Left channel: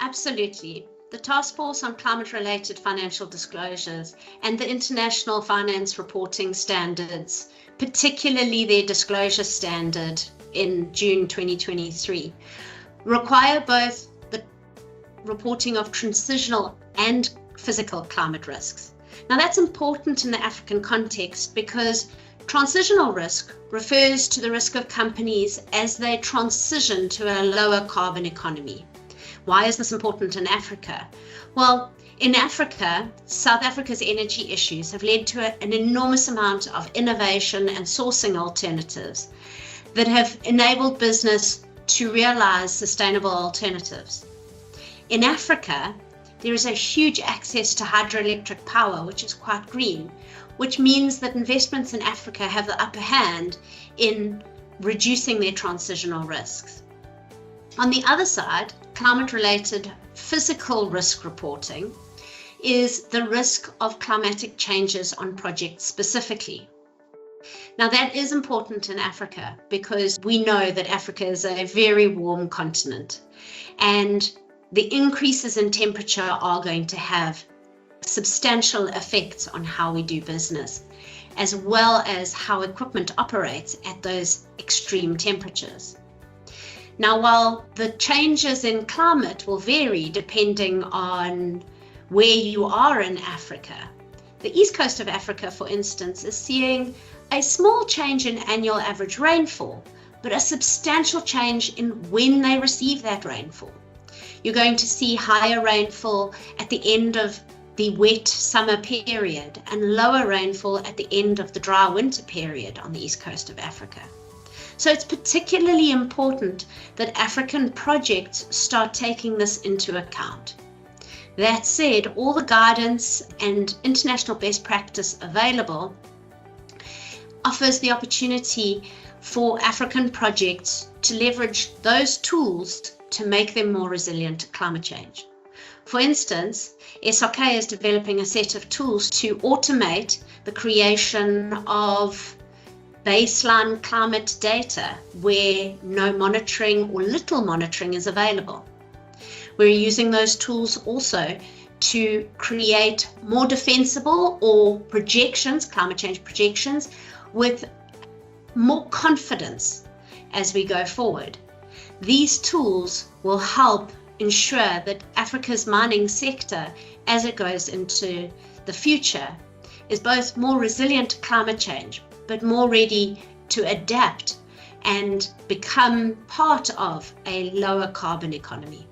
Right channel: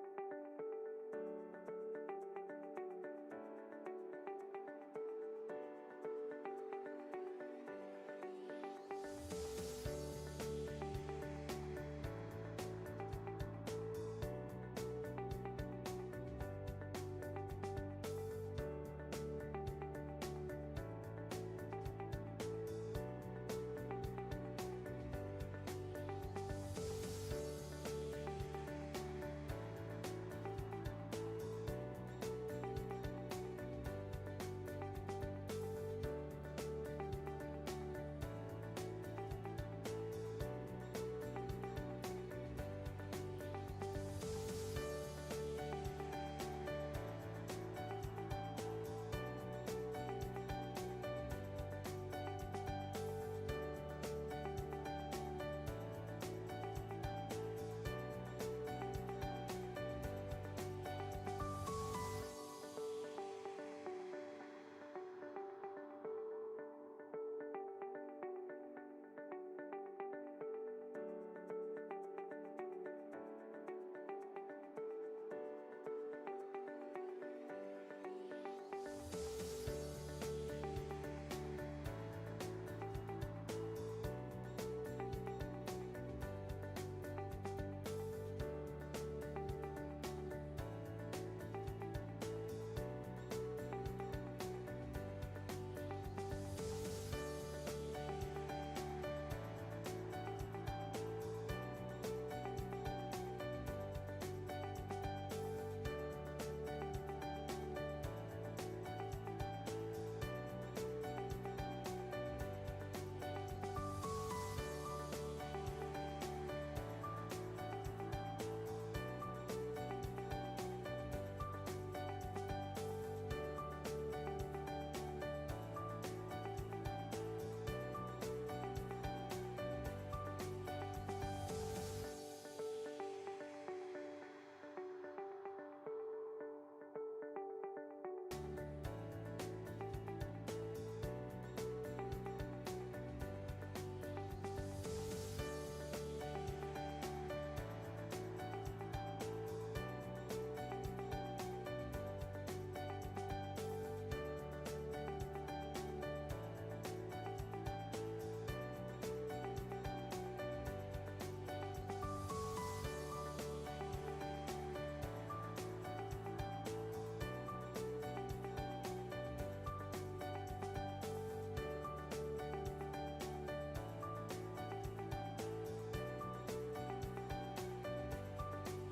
Absolutely. The Task Force on Climate-Related Financial Disclosures and the International Finance Reporting Standards, particularly their disclosure standard in June 2023, require both the reporting of transitional and physical climate risks. Now, that's important in the African context because transitional risk refers to the risk of companies as they transition to a lower carbon economy. Why is this important in Africa? Well, in Africa, South Africa's energy issues have led to an enormous amount of innovation and sourcing alternatives that have enabled business to realize sustainable alternatives. In Africa, there is a huge access to hydroelectric power, which is quite green, which means that investments in Africa have the upper hand in reducing their transitional risks. On the other side, climate-related physical risk reporting is the risk of climatic changes on projects specifically. Now, that is important in Africa because we know that Africa is a very warm continent, and the increases in temperature are going to have substantial effects on how we do business, as well as how equipment operates at those extreme temperatures. Now, while the changes in climate will vary depending on where you are in Africa, the east coast of Africa, for instance, is seeing a small change in annual average rainfall, but a substantial change in when they receive that rainfall. You're going to see higher rainfall at the end of the wet summer period and lower rainfall at the end of the dry winter period on the east coast of Africa. So it's particularly important that African projects start taking this into account. That said, all the guidance and international best practice available offers the opportunity for African projects to leverage those tools to make them more resilient to climate change. For instance, SRK is developing a set of tools to automate the creation of baseline climate data where no monitoring or little monitoring is available. We're using those tools also to create more defensible or projections, climate change projections, with more confidence as we go forward. These tools will help ensure that Africa's mining sector, as it goes into the future, is both more resilient to climate change, but more ready to adapt and become part of a lower carbon economy.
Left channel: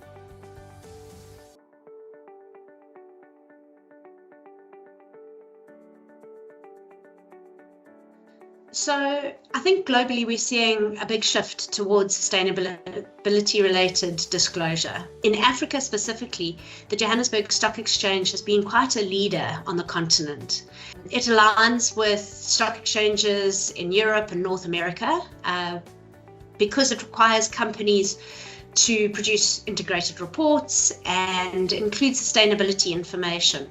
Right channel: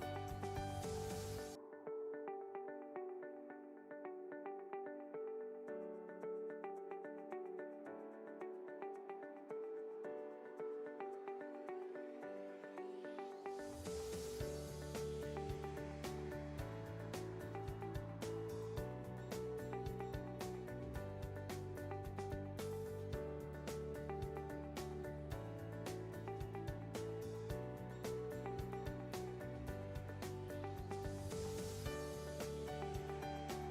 So I think globally we're seeing a big shift towards sustainability-related disclosure. In Africa specifically, the Johannesburg Stock Exchange has been quite a leader on the continent. It aligns with stock exchanges in Europe and North America because it requires companies to produce integrated reports and include sustainability information.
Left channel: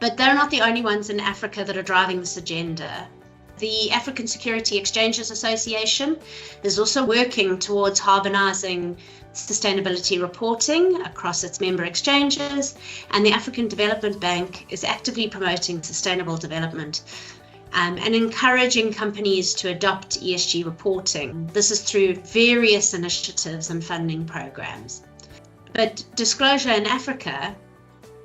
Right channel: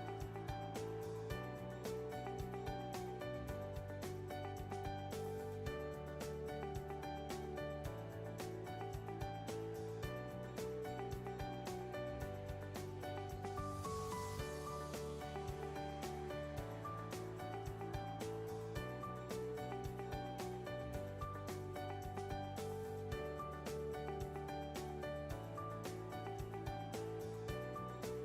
But they're not the only ones in Africa that are driving this agenda. The African Security Exchanges Association is also working towards harmonizing sustainability reporting across its member exchanges, and the African Development Bank is actively promoting sustainable development and encouraging companies to adopt ESG reporting. This is through various initiatives and funding programs. But disclosure in Africa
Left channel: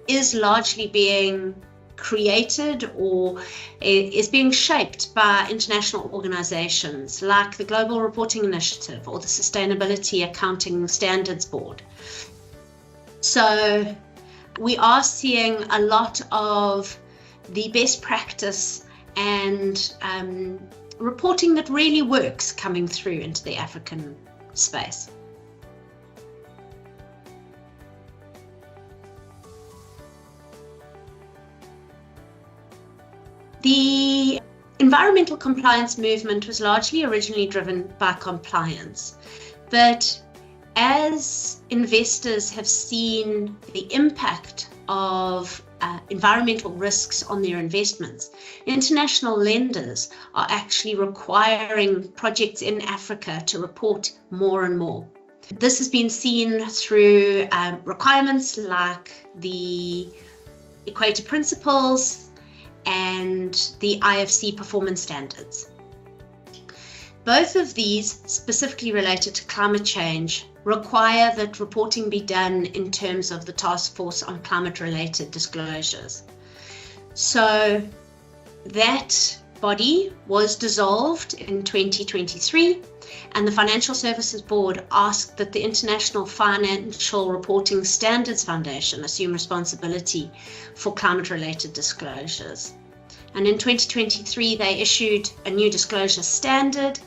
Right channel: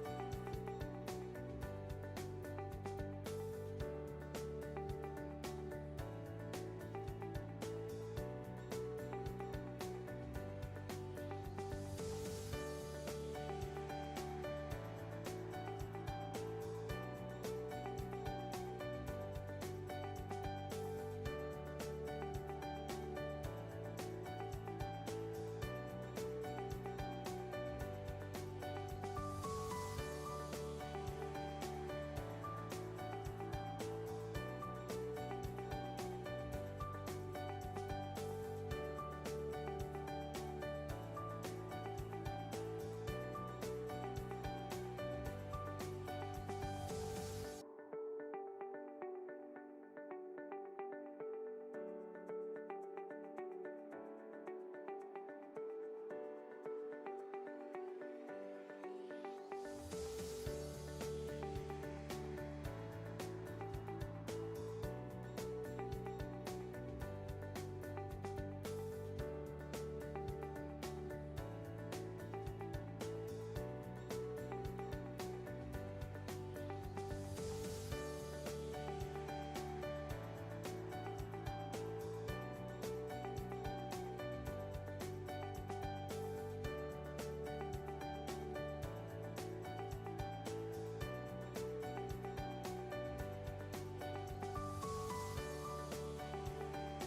is largely being created or is being shaped by international organizations like the Global Reporting Initiative or the Sustainability Accounting Standards Board. So we are seeing a lot of the best practice and reporting that really works coming through into the African space. The environmental compliance movement was largely originally driven by compliance, but as investors have seen the impact of environmental risks on their investments, international lenders are actually requiring projects in Africa to report more and more. This has been seen through requirements like the Equator Principles and the IFC performance standards. Both of these, specifically related to climate change, require that reporting be done in terms of the Task Force on Climate-Related Disclosures. So that body was dissolved in 2023, and the Financial Services Board asked that the International Financial Reporting Standards Foundation assume responsibility for climate-related disclosures. And in 2023, they issued a new disclosure standard.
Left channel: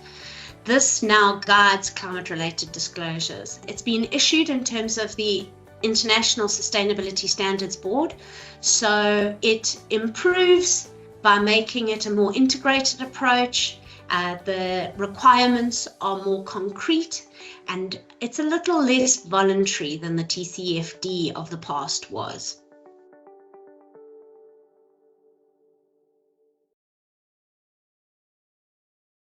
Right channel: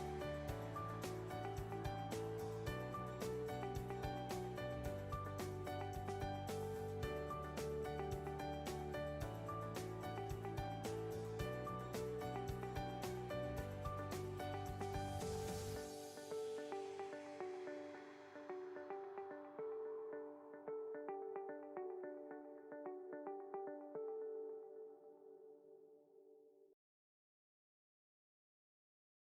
This now guides climate-related disclosures. It's been issued in terms of the International Sustainability Standards Board, so it improves by making it a more integrated approach. The requirements are more concrete, and it's a little less voluntary than the TCFD of the past was.